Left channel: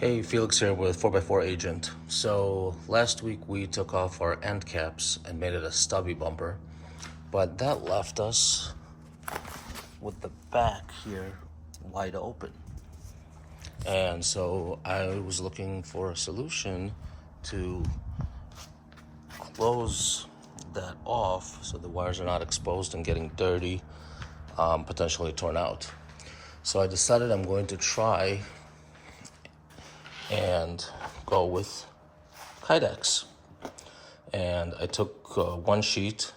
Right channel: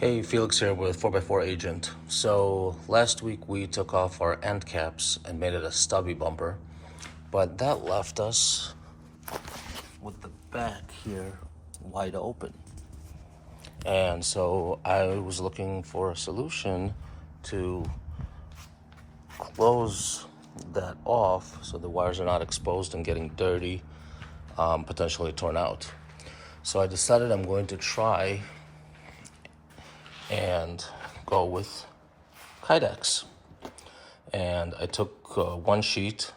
Hey, Felix here with 4x4 Agent. So last week we took off our end caps and made it a stubby bumper, but that left us with the back here wide open. And so I was looking for a solution to close that off so the wires are not exposed and getting dirty, potentially torn out. So I decided I'm going to try and go with Kydex. And I took one sheet,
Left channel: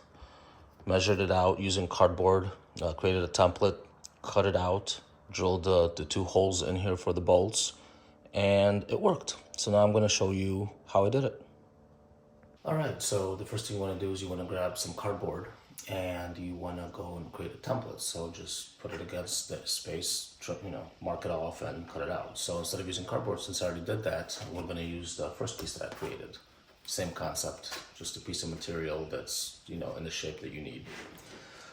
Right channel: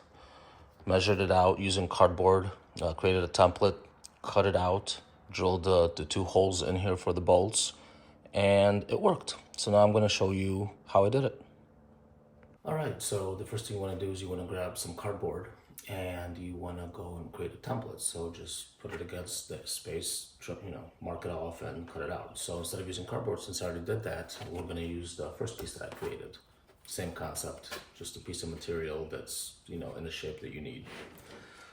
measured it out using cardboard, created a template, cut it out, drilled the two holes in here for the bolts, and it worked. So now I'm going to show you how I did it. All right, so the first thing you want to do is you want to grab some cardboard and you want to go and create a template. So just put it against the space, mark it off and cut it out. So instead of using cardboard, since I already did that, we're going to use the first piece that I created. Same concept, just a piece of material that's, in the shape that you need.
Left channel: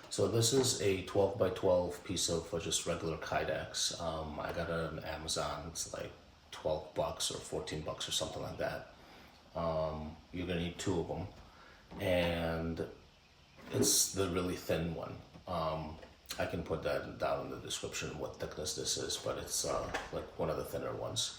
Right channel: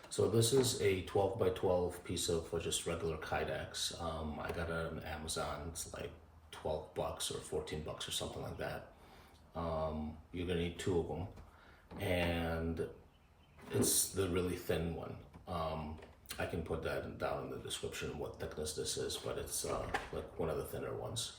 So this is a 12 by 12 piece of just regular Kydex. I got it on Amazon. It's like 12 bucks or 14 bucks or something like that. You're gonna need two of them, and it's the really thin one. I can put that down in the description what thickness this is, but it's like one of the thinner ones.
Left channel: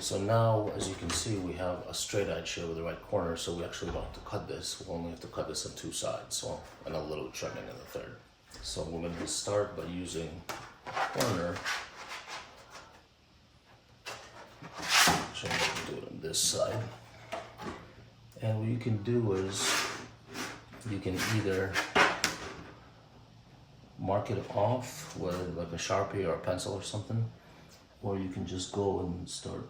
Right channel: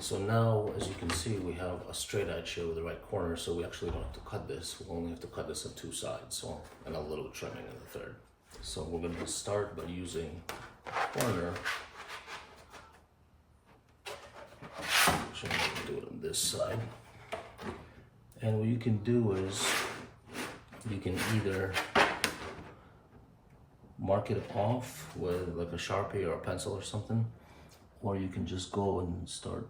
So now, as you can see, we have a straight edge here with the right corner, so we actually don't have to cut this. We only have to cut this on two sides, and a little trimming in the third. So we're going to start by using a corner. Actually, I can do it on this side. And what you can do is you can either mark it off with like a Sharpie or a pencil or something, or you can just go and start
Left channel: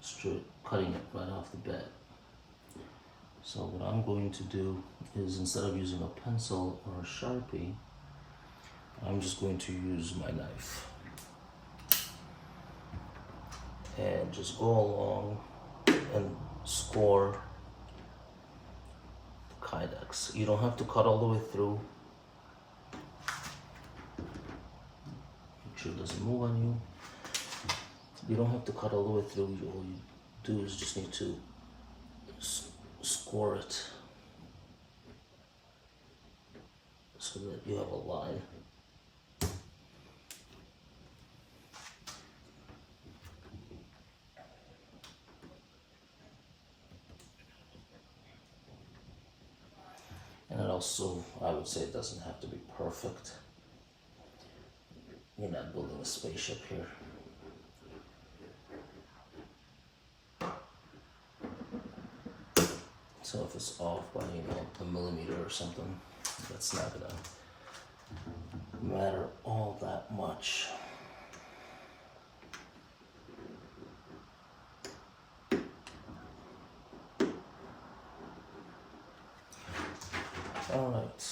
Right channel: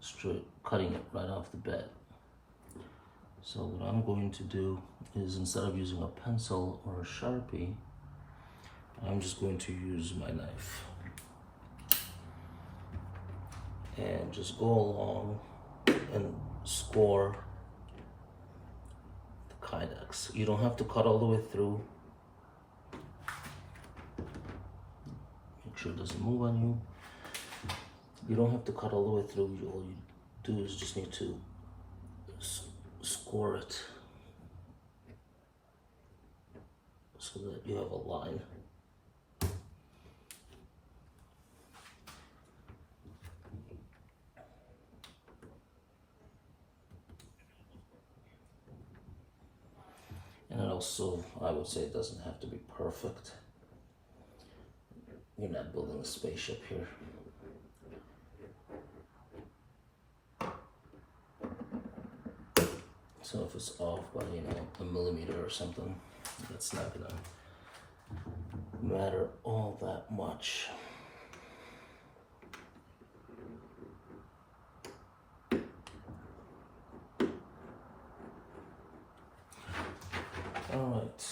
straight cutting it right off the bat. So what I'm going to do is, instead of using a pencil or a Sharpie, I'm just going to use my knife and just go along and score the Kydex. You don't have to cut all the way through. Make sure it doesn't move on you. You don't have to cut all the way through. All you do is just need to score it so that you have a line. And it also, I would say, it doesn't have to be perfect. You're not building a spaceship here. So if it's off by, a millimeter or something, that's not gonna matter all that much. All right.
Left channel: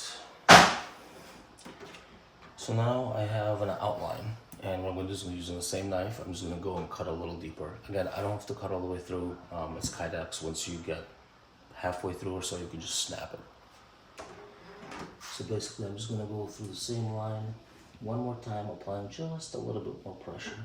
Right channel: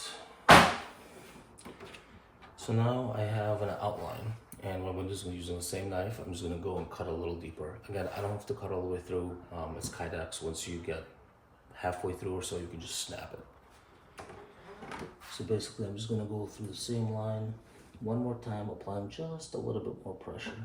So now I have an outline, and what I'm just going to use the same knife. I'm just going to go and cut a little deeper. Again, I don't have to cut all the way through. It's Kydex. Once you get halfway through or so, you can just snap it. So basically, I'm just going to go through the same line one more time, applying just a little bit more pressure.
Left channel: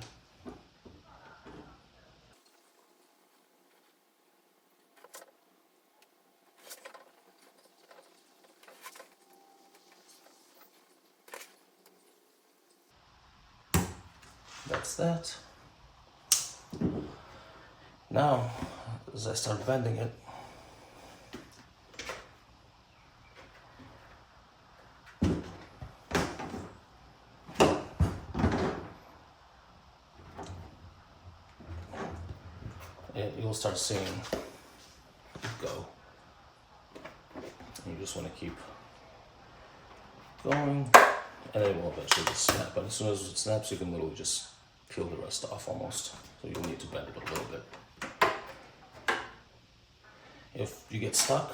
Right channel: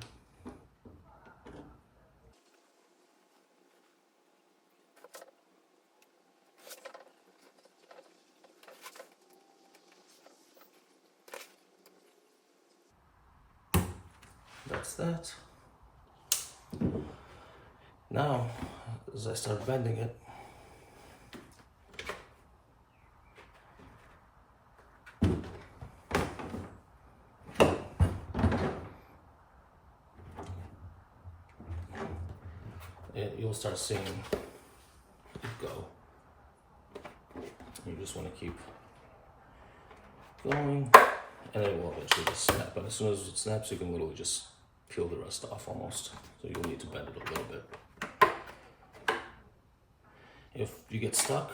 That's that. Now, as I start bending it, you'll start seeing it go. You just want to keep going, and it will eventually just snap. And as soon as it snaps, you can literally just peel the rest off almost. So you'll need to bend it a little bit. If you get stuck,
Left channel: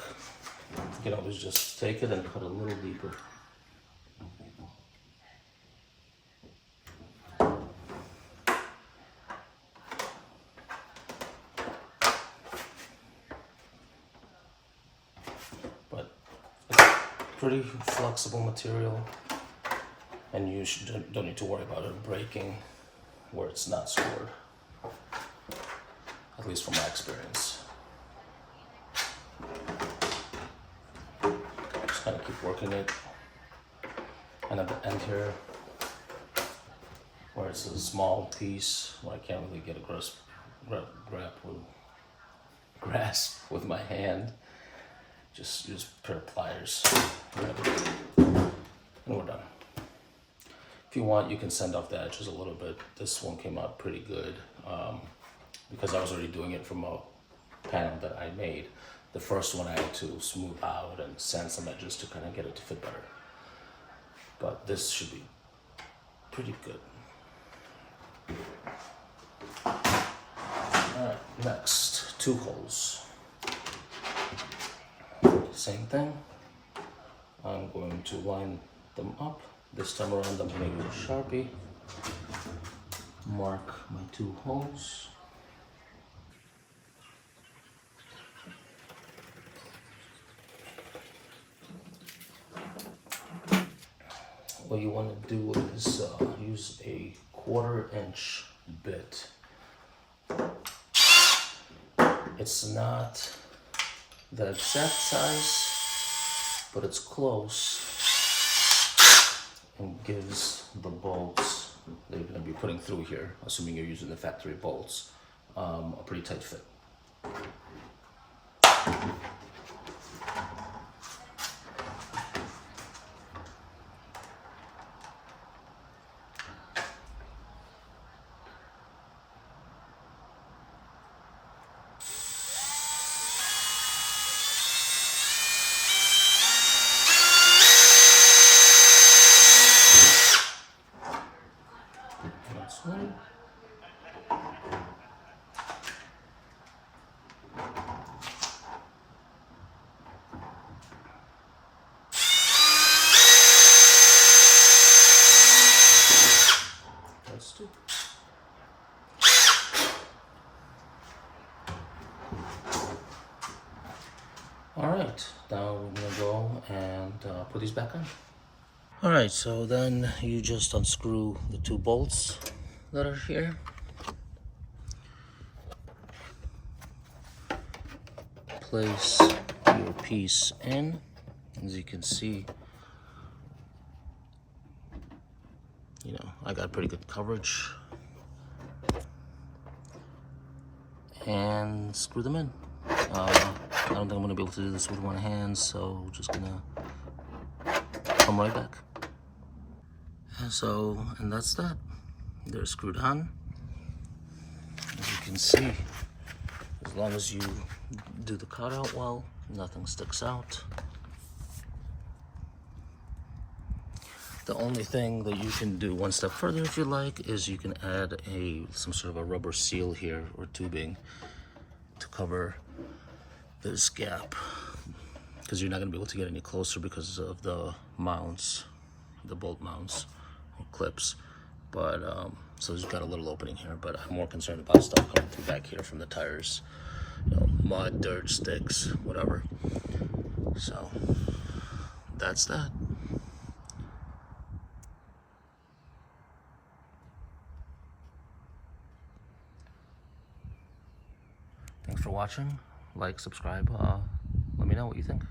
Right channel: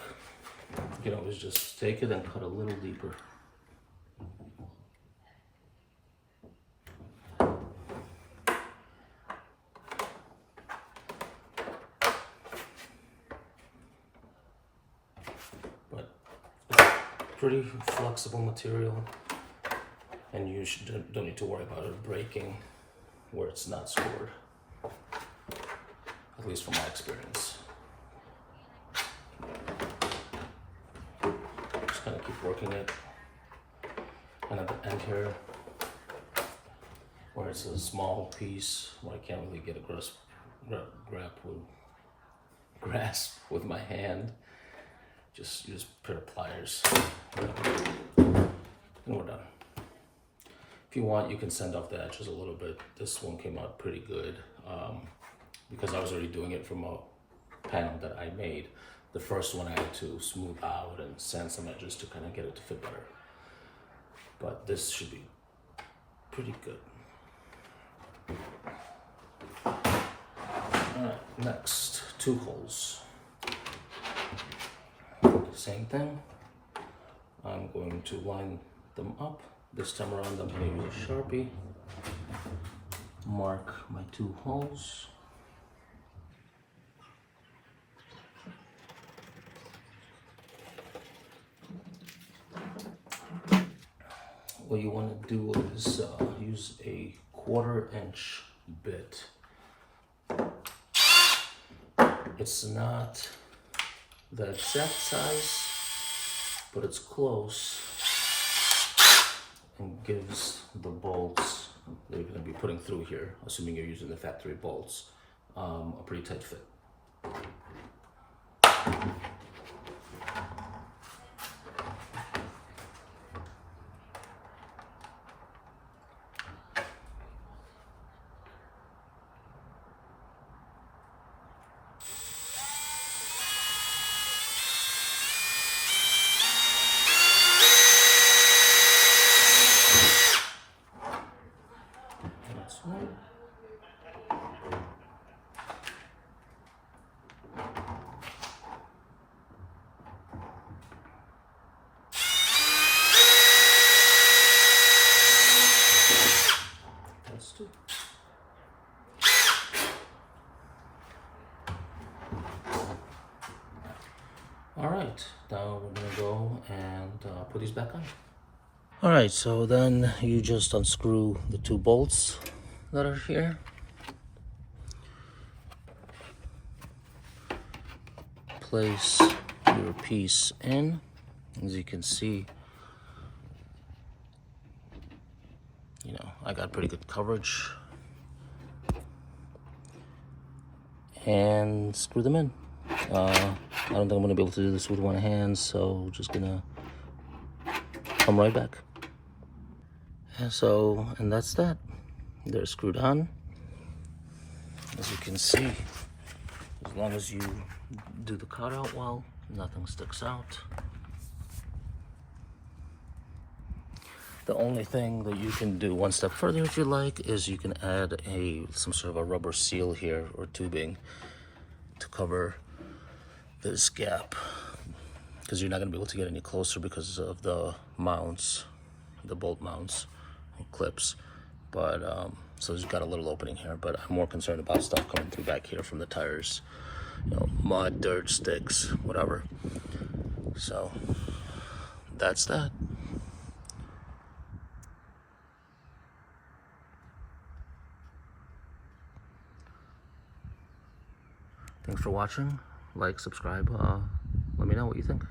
you can always just take it and cut a little deeper. But it's pretty flexible material, and you don't need to worry about it breaking where it's not scored. at least from my experience. Just kind of keep working it. And at the end here, where it's a small piece where I can't really get a grasp with my hand, just use a pair of pliers. And we're done. If you want, you can sand off the edges a little bit. This one came out pretty good because I was already doing it from a panel that I made. The first one I had to smooth out and sand some edges to kind of get it to fit better. But this should be pretty good. Alright, next, 2 holes. Same thing. I'm going to line them up. This time around I'm going to use a Sharpie. Mark my 2 holes. What you want to do is use a 1/4 inch bit. It's not the exact size, but it's close and gives the bolts that you're going to be putting through here, assuming you're using the factory bolts, a pretty tight fit. Alright, now we're gonna go and put these back on. Alright, so then you just unscrew the 2 bolts that are here. Place your piece in. As you can see, you know, I got pretty good coverage. And screw them in. I don't think I'm gonna be able to do this with one hand, so just gonna come right back. And that's that. They're screwed on. As you can see, as long as you do the cutout well, nothing sticks out. The only thing that you can do one step further if you like is you can add some sort of a rubber seal here or tubing to cover this gap, because you're not going to be able to get any closer because of the mounts, the bolt mounts and clips. But so it's got a little opening here, but I'm more concerned about stuff coming through back here from the tires, you know, mud, dirt, sticks, whatever. So that's that. Thanks for watching. Like, subscribe, let me know what you think.